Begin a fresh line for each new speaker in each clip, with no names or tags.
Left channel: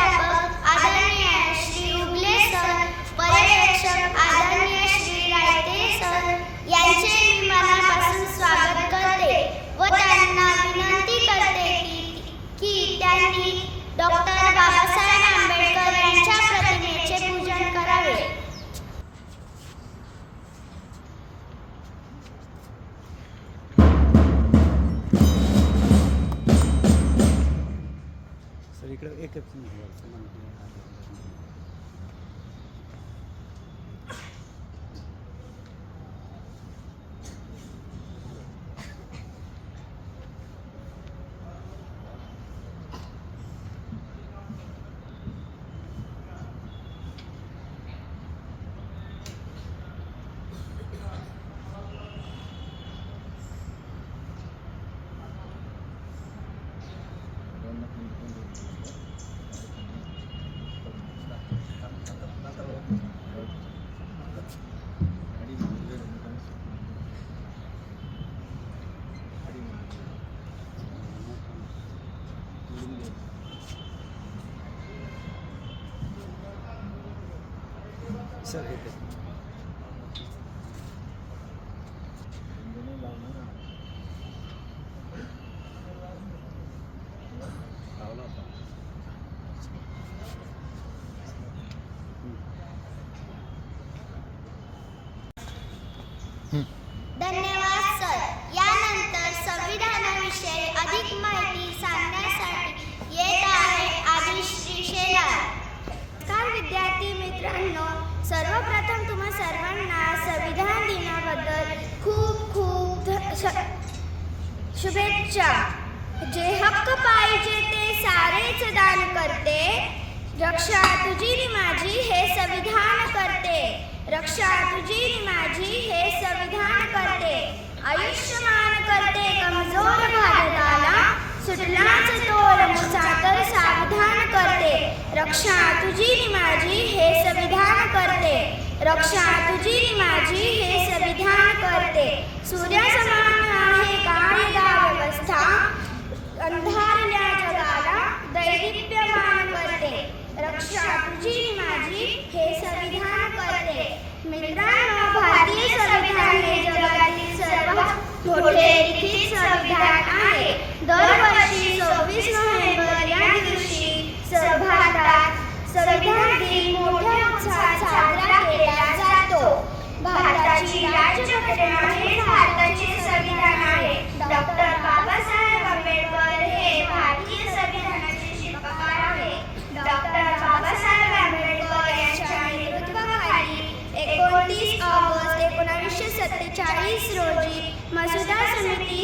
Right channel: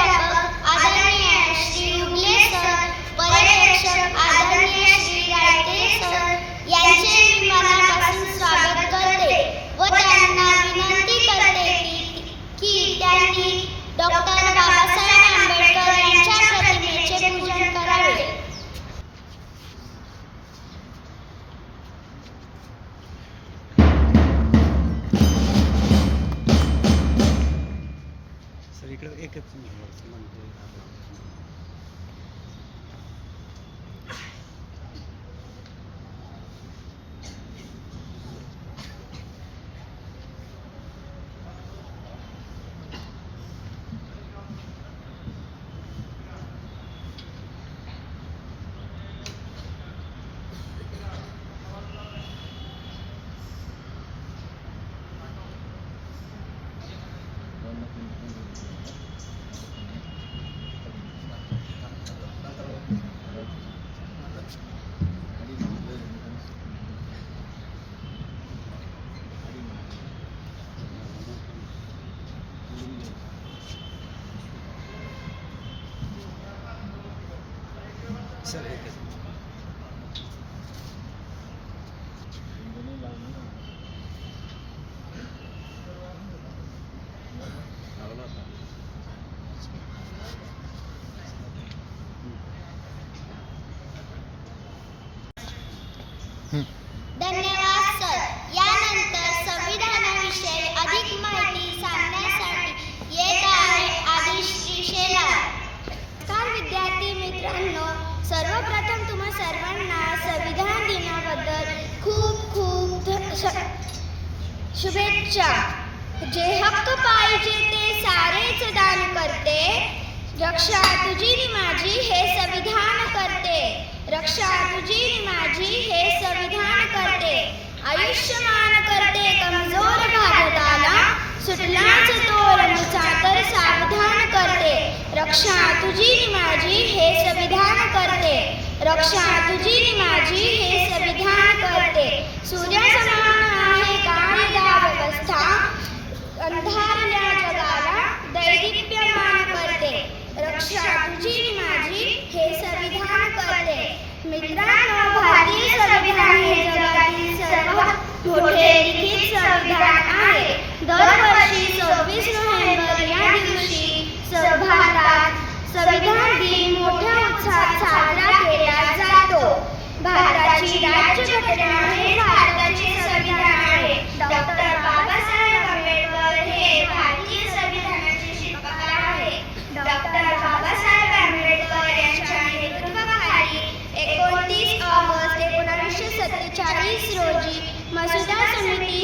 प्राध्यापक आदरणीय श्री उबले सर पर्यवेक्षक आदरणीय श्री रायते सर यांचे मी मनापासून स्वागत करते व त्यांना विनंती धन्यवाद सर. यानंतर संविधानाविषयी अधिक माहिती सांगण्यासाठी येत आहे आदिश्री शेलार विद्यार्थी मित्रांनो सर्वप्रथम तुम्हा सर्वांना संविधान दिनाबद्दल खूप खूप ध- श- शुभेच्छा. जे हक्क पाहिजे ते सारेच दान करते. रक्षा तुझी नि माझी हे संविधान करते. रक्षा तुझी नि माझी हे संविधान करते. आयुष्यमान करते कमी भारताला सुटलाच तोल मुचा तर सावधान करते रक्षा तुझी नि माझी हे संविधान करते. रक्षा तुझी नि माझी हे संविधान करते. सूर्यासमान आहे कायदा व्यवस्था. अंधारल्या जगाला दैदिप्यमान करते. रक्षा तुझी नि माझी हे संविधान करते. मित्रांनो भारतीय संविधान हे जगातील सर्वात मोठे लिखित संविधान आहे दरवर्षी सव्वीस नोव्हेंबर या दिवशी स- भारतात संविधान दिन मोठ्या उत्साहात साजरा केला जातो भारताची राज्यघटना हे भारताचे संविधान आहे डॉक्टर बाबासाहेब आंबेडकर हे भारतीय संविधानाचे शिल्पकार आहे डॉक्टर बाबासाहेब आंबेडकर यांच्या नेतृत्वाखाली एकोणतीस ऑगस्ट एकोणावीसशे सत्तेचाळीस रोजी मसुदा समिती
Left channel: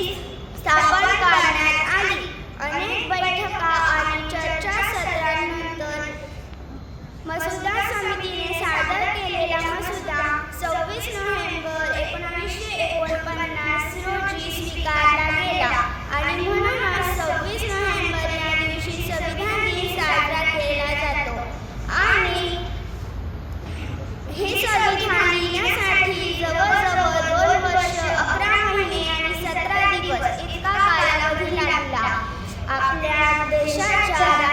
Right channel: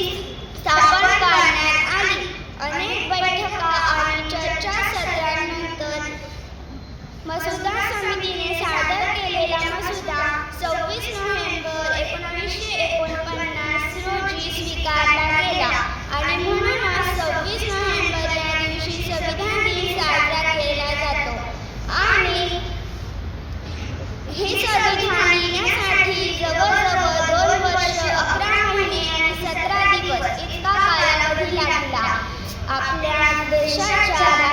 स्थापन करण्यात आली अनेक बैठका आणि चर्चासत्रांनंतर मसुदा समितीने सादर केलेला मसुदा सव्वीस नोव्हेंबर एकोणावीसशे एकोणपन्नास रोजी स्वीकारला गेला. आणि म्हणूनच सव्वीस नोव्हेंबर या दिवशी संविधान दिन साजरा केला जातो. आणि हे संविधान लिहिण्यासाठी जवळजवळ दोन वर्ष अकरा महिने आणि सतरा दिवस इतका कालावधी लागला. आपल्या देशाच्या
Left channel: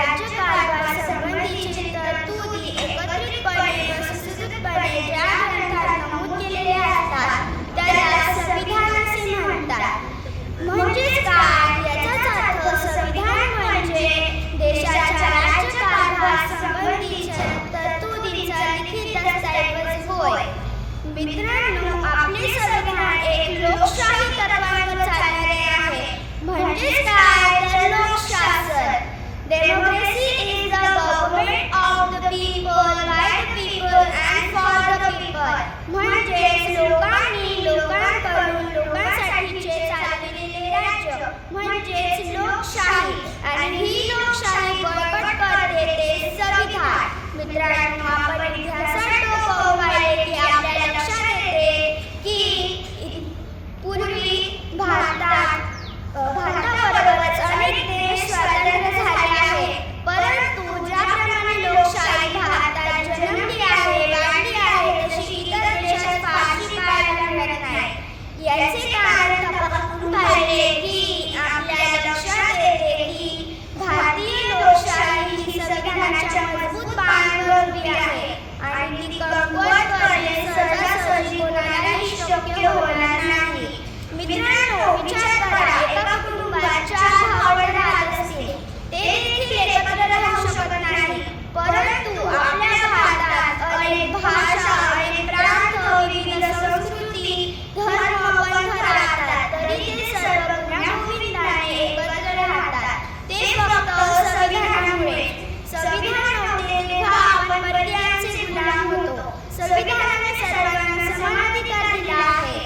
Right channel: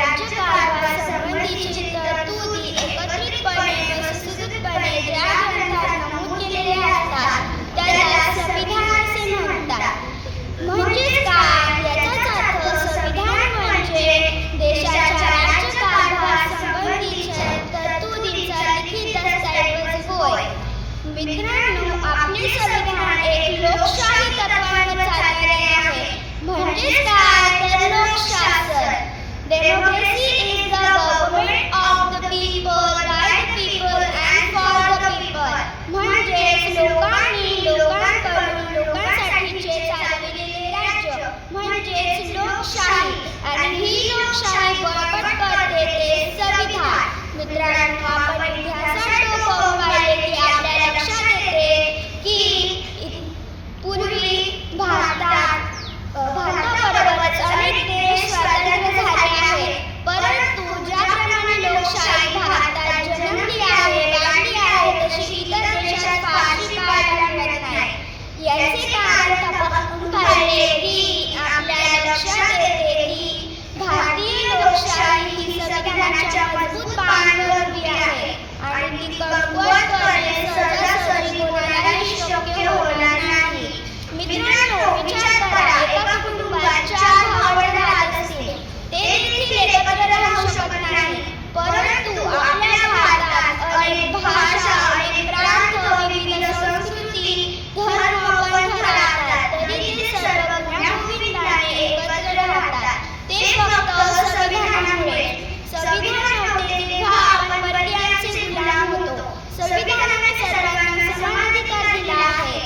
मित्रांनो, आपले संविधान एक लोकशाही तत्वांवर चालणारे आहे. म्हणजेच काय? तर Lokshasan. Democracy is the government of the people by the people and for the people म्हणजेच लोकांनी लोकांकडून लोकांसाठीचे चालविलेले राज्य. म्हणजेच लोकशाही. आणि ही लोकशाही मित्रांनो आपण इतिहासात डोकावून पाहिले की आपल्या लक्षात येते की पूर्वी भारतात भारताबरोबरच अनेक देश स्वातंत्र्य झाले आहेत. परंतु ज्याप्रमाणे लोकशाही भारतात परंतु आपल्या भारतात अनेक भाषा अनेक प्रांत विविध संस्कृती धर्म पंथ राहतात. तरी ते सर्व गुण्यागोविंदाने एकत्र राहतात. ते फक्त संविधानामुळे संविधान नव्हते तेव्हा आपण परकीयांचे गुलाम होतो संविधानाने सर्वांना समान अधिकार दिला आहे.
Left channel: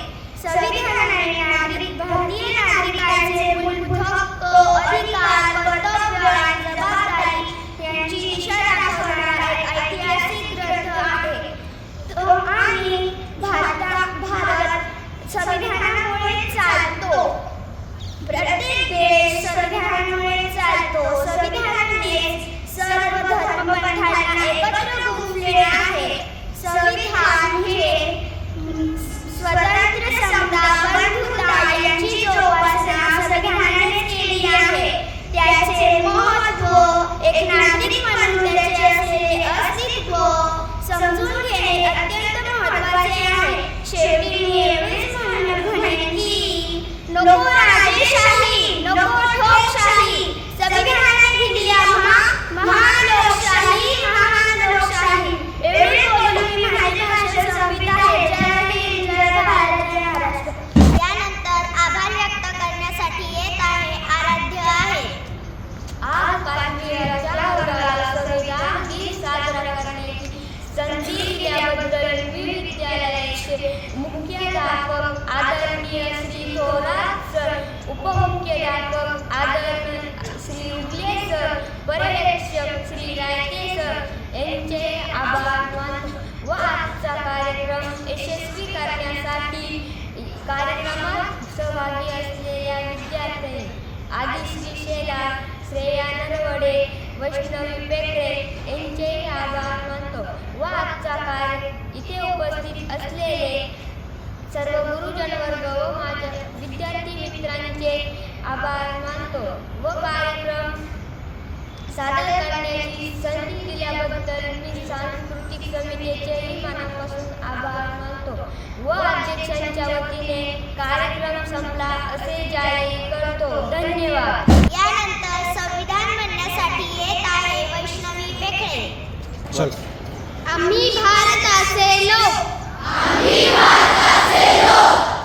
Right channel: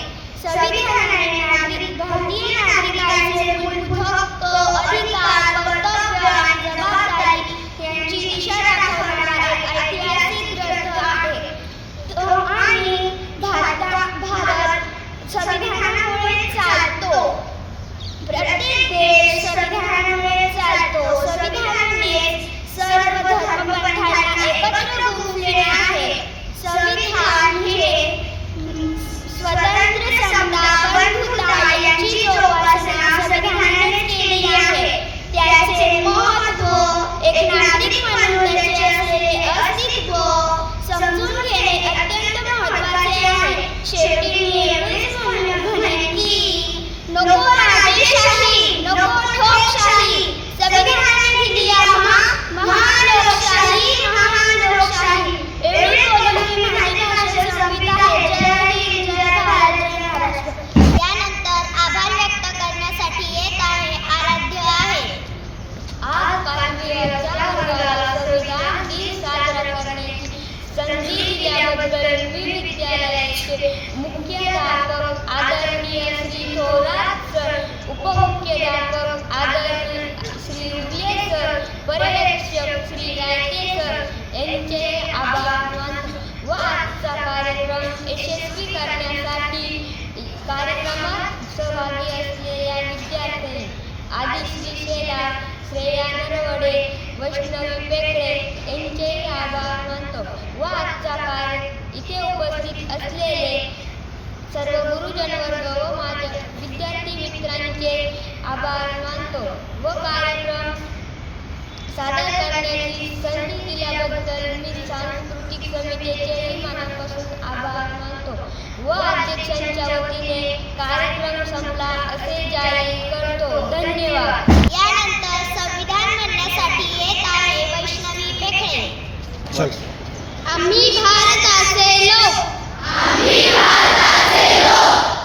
संविधानाने नागरिक भारतीय नागरिकांचे मूलभूत हक्क अधिकार एकत्र गुंफले आहे. संविधान हे स्वतंत्र समता बंधुता यांची जोपासना संविधानाने केली आहे. त्याचे महत्त्व एक नागरिक म्हणून त्याचे असलेले अस्तित्व समजून घेणे अत्यंत महत्त्वाचे आहे. शेवटी मी एवढेच म्हणून म्हणेन की नको
मुख्याध्यापक आदरणीय श्री थोरात सर उपमुख्याध्यापक आदरणीय श्री उगले सर पर्यवेक्षक श्री रायते सर यांचे आभार मानतो. व आजचा कार्यक्रम यशस्वी करण्यासाठी कार्यक्रमात सहभागी असलेल्या विद्यार्थ्यांनी आदिश्री शेलार श्रेया नरवडे वैष्णवी पेकडे यांचेही आभार मानतो. व आजचा कार्य इथे उपस्थित असलेले सर्व गुरुजन वर्ग व माझ्या विद्यार्थी मित्रांचे आभार मानतो व कार्यक्रम सादर करण्याची संधी दिल्याबद्दल मी सांस्कृतिक समितीचेही मनापासून आभार मानतो व अध्यक्षांच्या वतीने कार्यक्रम संपला असे जाहीर करतो. धन्यवाद.
यानंतर संविधान म्हणण्यासाठी येत आहे वैष्णवी पेखळे.
चल
आम्ही भारताचे लोक.